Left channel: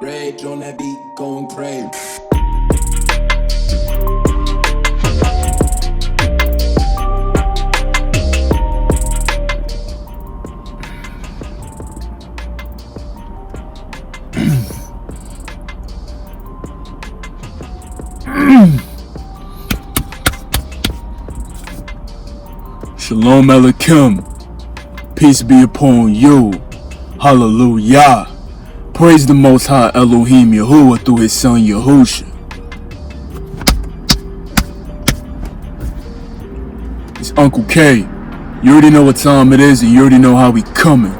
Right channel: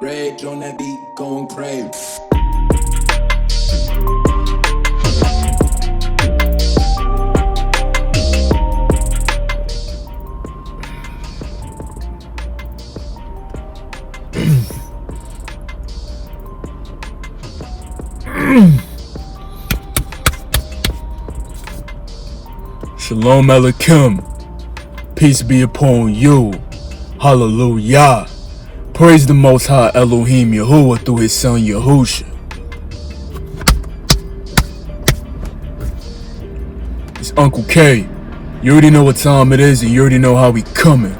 Rage on that beat, going crazy. Shalom Aleichem. Peace be upon you. Hallelujah. Praise the Most High Elohim Yahuwah through his son Yahusha. It's Uncle K. You already know what time it is and you already know how we coming.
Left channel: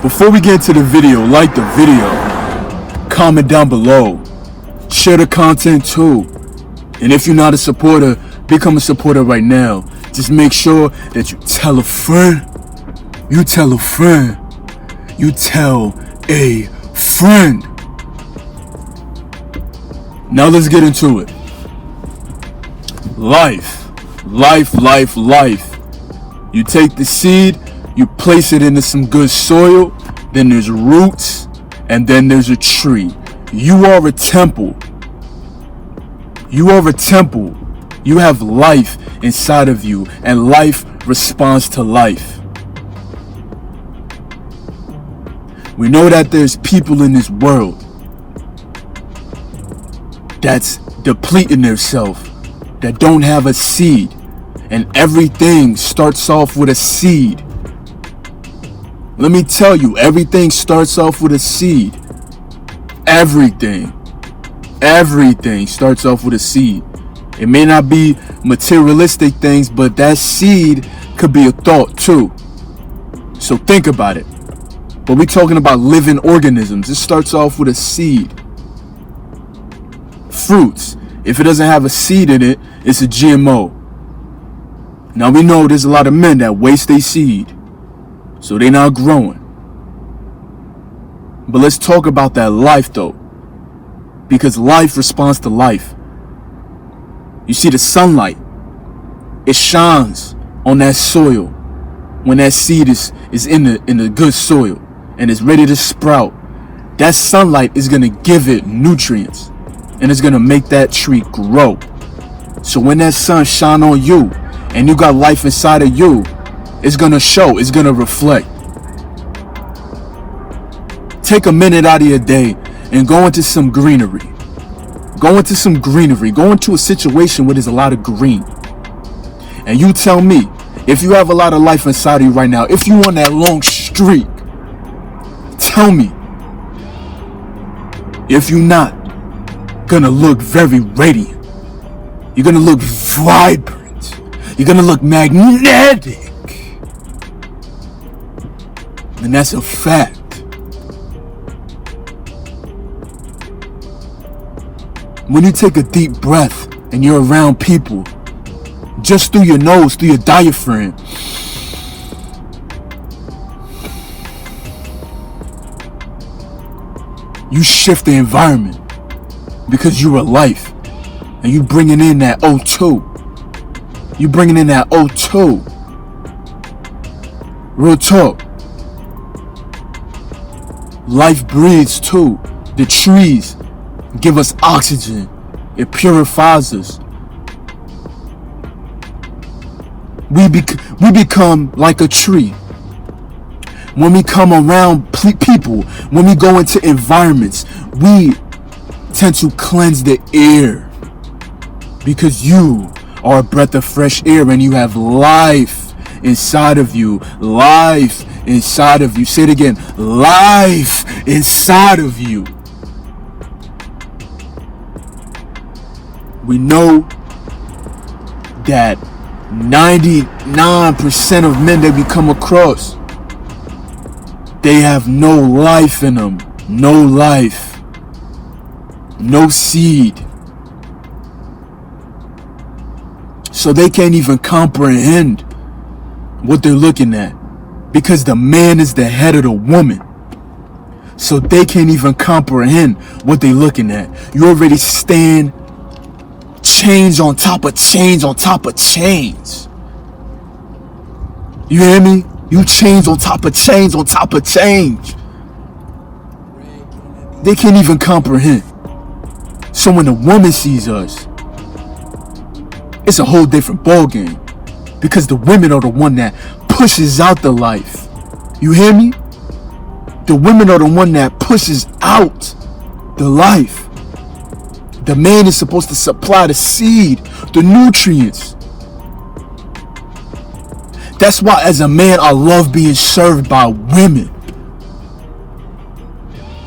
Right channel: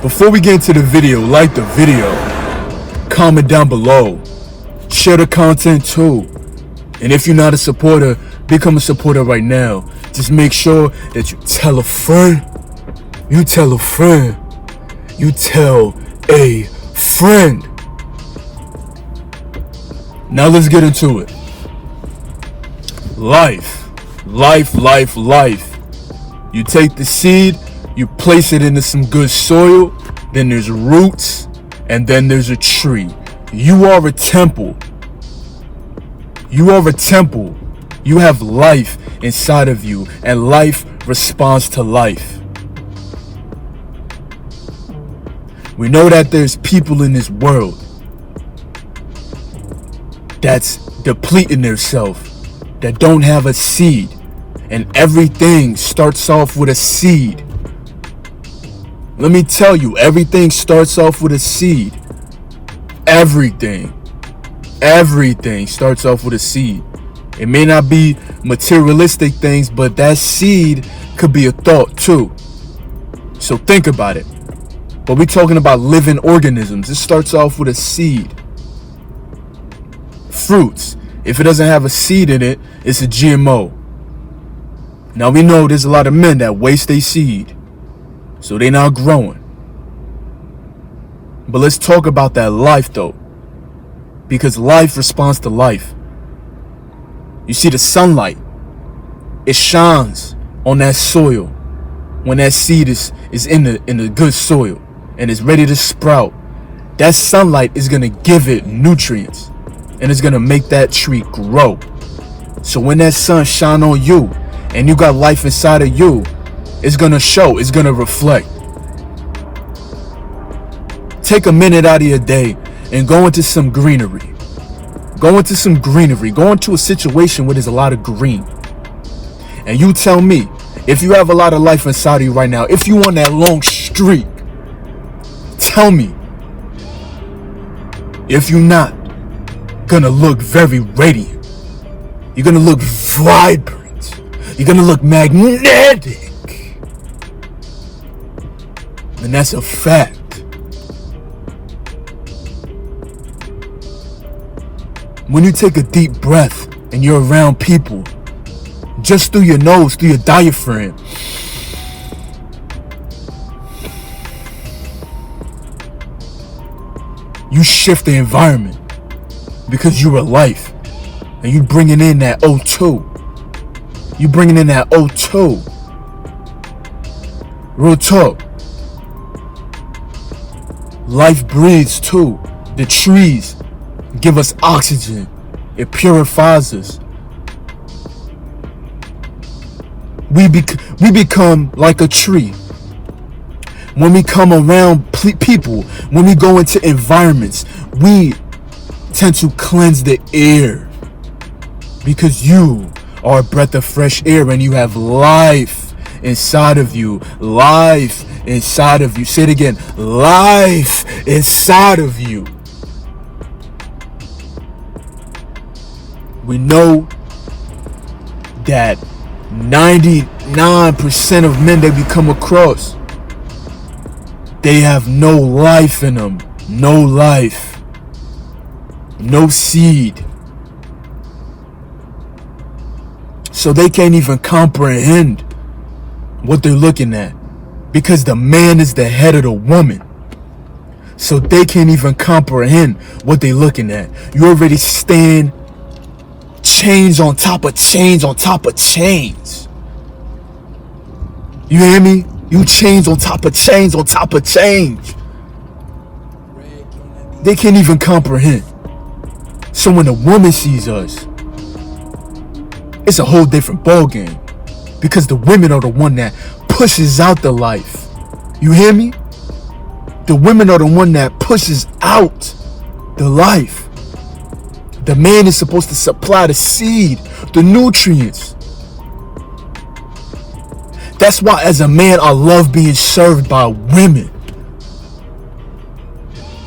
Before we get into the video, like the video, comment down below, share the content too. And if you're not a supporter, become a supporter right now. Just make sure that you tell a friend, you tell a friend, you tell a friend. Now let's get into it. Life. You take the seed, you place it into some good soil, then there's roots, and then there's a tree. You are a temple. You are a temple. You have life inside of you, and life responds to life. We know that there's people in this world that's depleting themselves, that don't have a seed, and everything starts off with a seed. Let me tell you, everything starts off with a seed. Everything starts off with a seed. It may not be materialistic things, but that seed could be a thought too. So think about it. But we're talking about living organisms. It starts off with a seed. Fruits, if it doesn't have a seed in it, it's a GMO. Now we know there's a lot of men that waste their seed, so they're not growing. But let's talk about that life though, because life responds to life. You see the sunlight, it shines on that soil when that seed is in the good soil and it's ready to sprout. That sunlight is going to give it nutrients and it's going to make that tree grow. So when that sun shine on you and you got life inside of you, it's going to show, it's going to reflect. Take a minute out of your day and go into some greenery. Go into a situation where there's a lot of green. And you tell me, if you have a lot of life inside of you right now, if you on that long streak, tell me if you're not gonna look very radiant. You're gonna look vibrant. You're gonna look magnetic. And that's a fact. When you take a deep breath and you're around people, just through your nose, through your diaphragm, you shift the environment because you're alive and you bringing in that O2. You bringing in that O2. Real talk. Life breathes too. The trees give us oxygen. It purifies us. We become like a tree. When we come around people, when we go into environments, we tend to cleanse the air because you are a breath of fresh air and you have life inside of you. Life inside of you. Say it again. Life inside of you. We know that 99% of men that we come across, they have no life in them. No life. No seed. So they can't even comprehend what they're looking at because the man is the head of the woman. So they can't even comprehend what they're looking at. You already stand chains on top of chains on top of chains. You hear me? You chains on top of chains on top of chains. They can't even comprehend. So when a woman sees us, it's a whole different ballgame. Because the women are the one that pushes out the life. You hear me? The women are the one that pushes out the life. The man is supposed to supply the seed, the nutrients. That's why as a man, I love being served by women.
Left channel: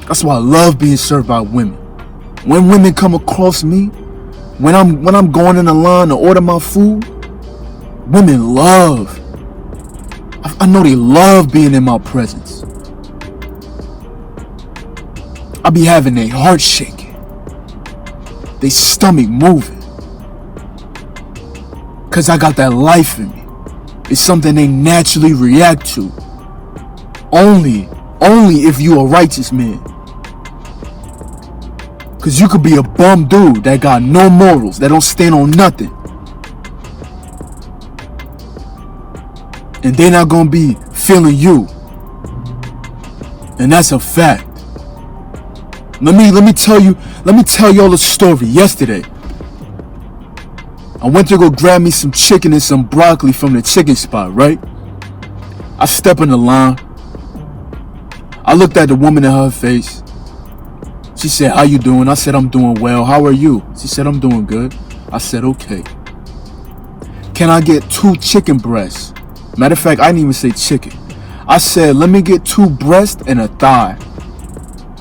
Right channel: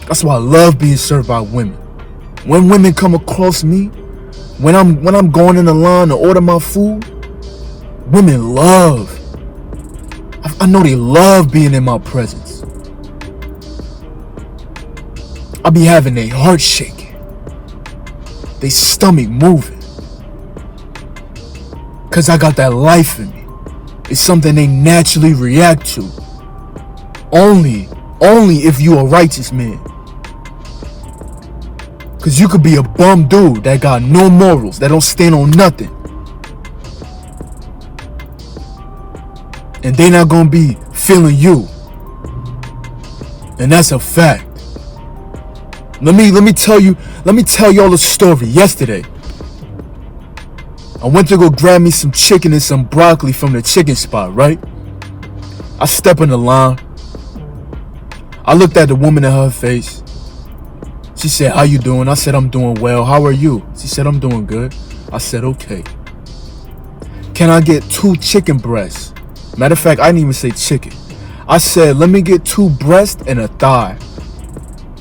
That's why I love being served by women. When women come across me, when I'm going in the line to order my food, women love. I know they love being in my presence. I be having their heart shaking, their stomach moving, cause I got that life in me. It's something they naturally react to. Only if you a righteous man. Cause you could be a bum dude that got no morals, that don't stand on nothing. And they not gonna be feeling you. And that's a fact. Let me tell y'all a story. Yesterday, I went to go grab me some chicken and some broccoli from the chicken spot, right? I step in the line. I looked at the woman in her face. She said, "How you doing?" I said, "I'm doing well. How are you?" She said, "I'm doing good." I said, "Okay. Can I get 2 chicken breasts?" Matter of fact, I didn't even say chicken. I said, "Let me get 2 breasts and a thigh."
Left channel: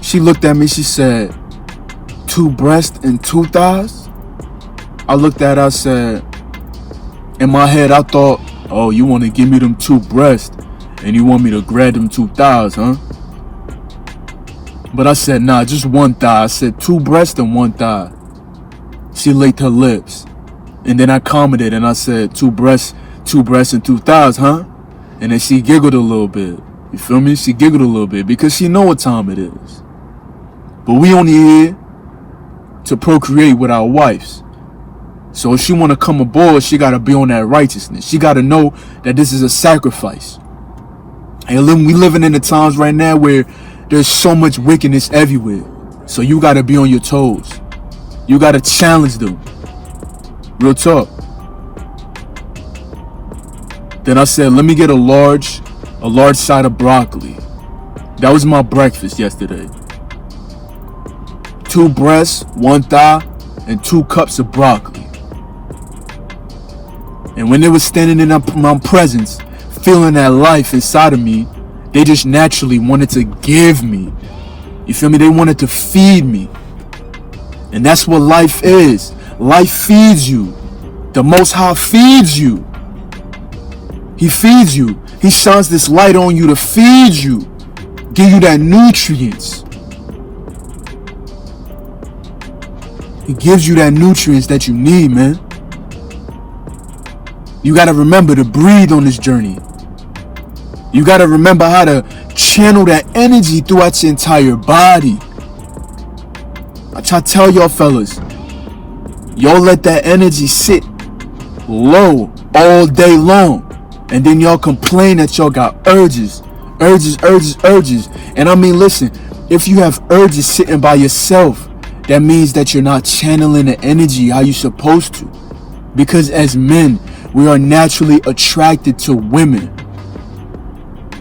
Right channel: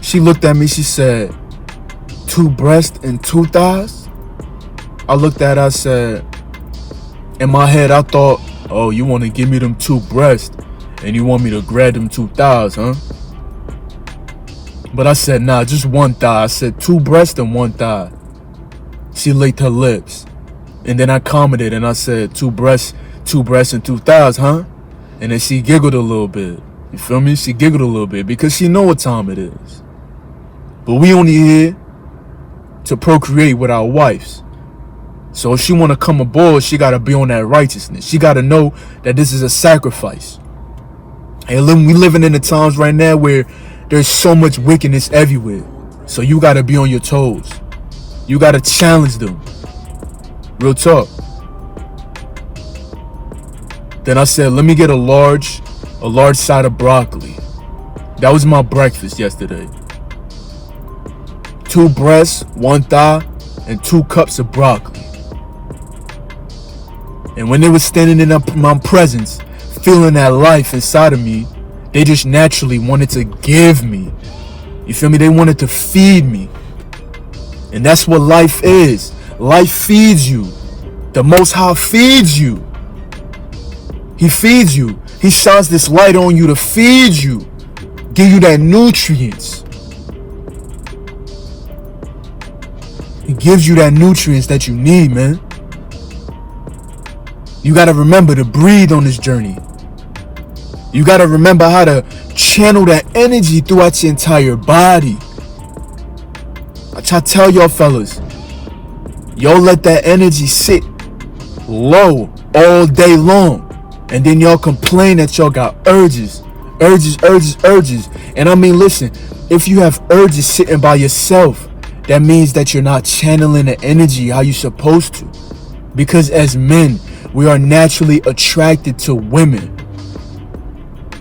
She looked at me, she said, 2 breasts and 2 thighs? I looked at her, I said, in my head, I thought, oh, you want to give me them 2 breasts and you want me to grab them 2 thighs, huh? But I said, nah, just 1 thigh. I said 2 breasts and 1 thigh. She licked her lips. And then I commented and I said, 2 breasts and 2 thighs, huh? And then she giggled a little bit. You feel me? She giggled a little bit because she know what time it is. But we only here to procreate with our wives. So if she want to come aboard, she got to be on that righteousness. She got to know that this is a sacrifice. And we living in the times right now where there's so much wickedness everywhere. So you got to be on your toes. You got to challenge them. Real talk. Then I said, let me get a large side of broccoli. That was my breakfast yesterday. 2 breasts, 1 thigh, and 2 cups of broccoli. And when they were standing in my presence, feeling that life inside of me, they just naturally wanted to give me. You feel me? They wanted to feed me. And that's what life is. Life feeds you. The Most High feeds you. He feeds you. He shines this light on you to feed you. Give you that nutrients. He gives you that nutrients that you need, man. You got to remember to breathe on this journey. You got to remember how to channel that energy throughout your entire body. I try to tell y'all fellas, y'all let that energy sit low all day long. And then y'all complain that y'all got urges. And I mean, listen, if you have urges sitting by yourself, that means that you're not channeling the energy how you're supposed to. Because as men, we are naturally attracted to women.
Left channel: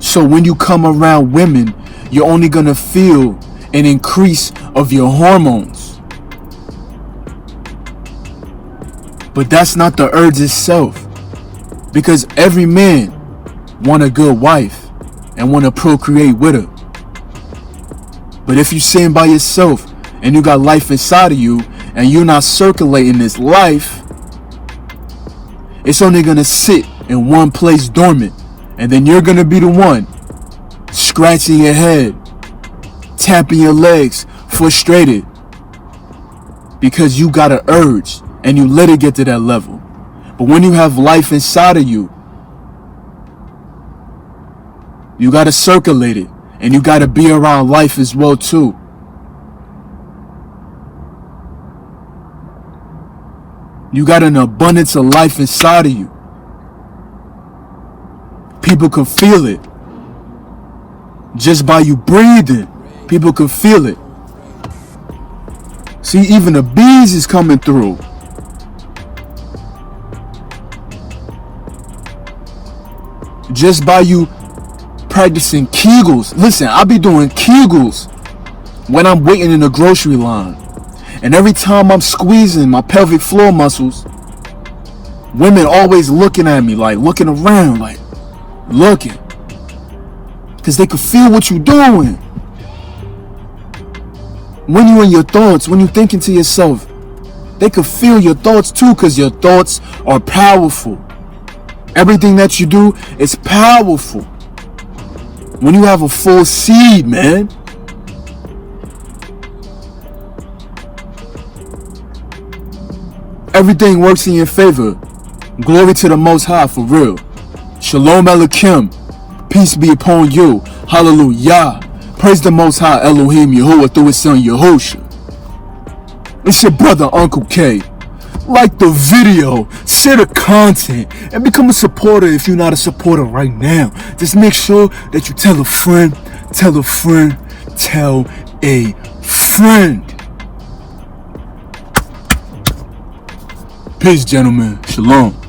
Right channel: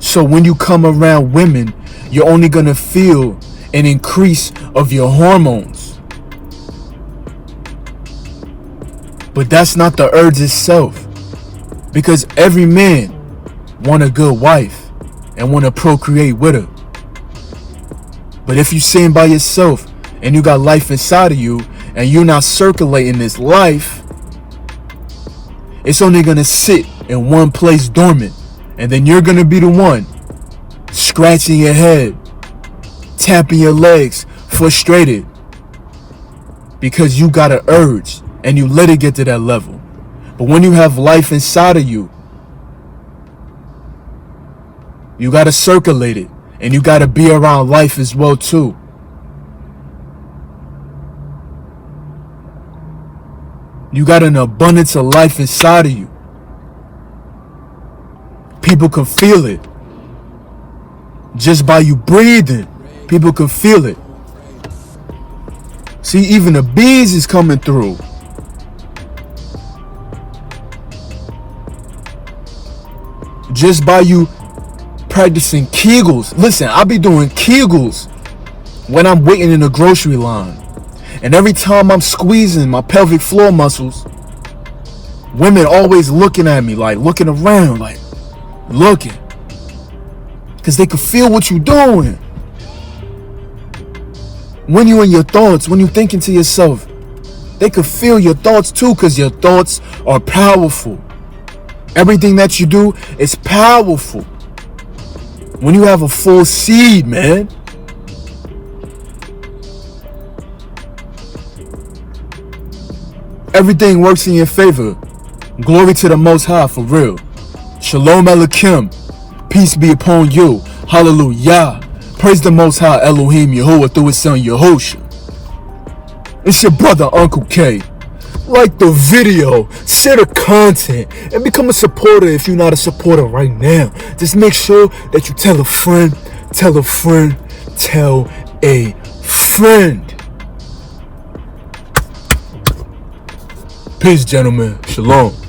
So when you come around women, you're only going to feel an increase of your hormones. But that's not the urge itself. Because every man want a good wife and want to procreate with her. But if you're sitting by yourself and you got life inside of you and you're not circulating this life, it's only going to sit in one place dormant. And then you're going to be the one scratching your head, tapping your legs, frustrated. Because you got an urge and you let it get to that level. But when you have life inside of you, you got to circulate it. And you got to be around life as well too. You got an abundance of life inside of you. People can feel it. Just by you breathing, people can feel it. See, even the bees is coming through. Just by you practicing Kegels. Listen, I be doing Kegels when I'm waiting in the grocery line. And every time I'm squeezing my pelvic floor muscles, women always looking at me, like looking around, like looking. Because they can feel what you're doing. When you in your thoughts, when you thinking to yourself, they can feel your thoughts too, because your thoughts are powerful. Everything that you do is powerful. When you have a full seed, man. Everything works in your favor. Glory to the Most High, for real. Shalom Elohim. Peace be upon you. Hallelujah. Praise the Most High Elohim Yahuwah through his son Yahusha. It's your brother Uncle K. Like the video, share the content, and become a supporter if you're not a supporter right now. Just make sure that you tell a friend, tell a friend, tell a friend. Peace, gentlemen. Shalom.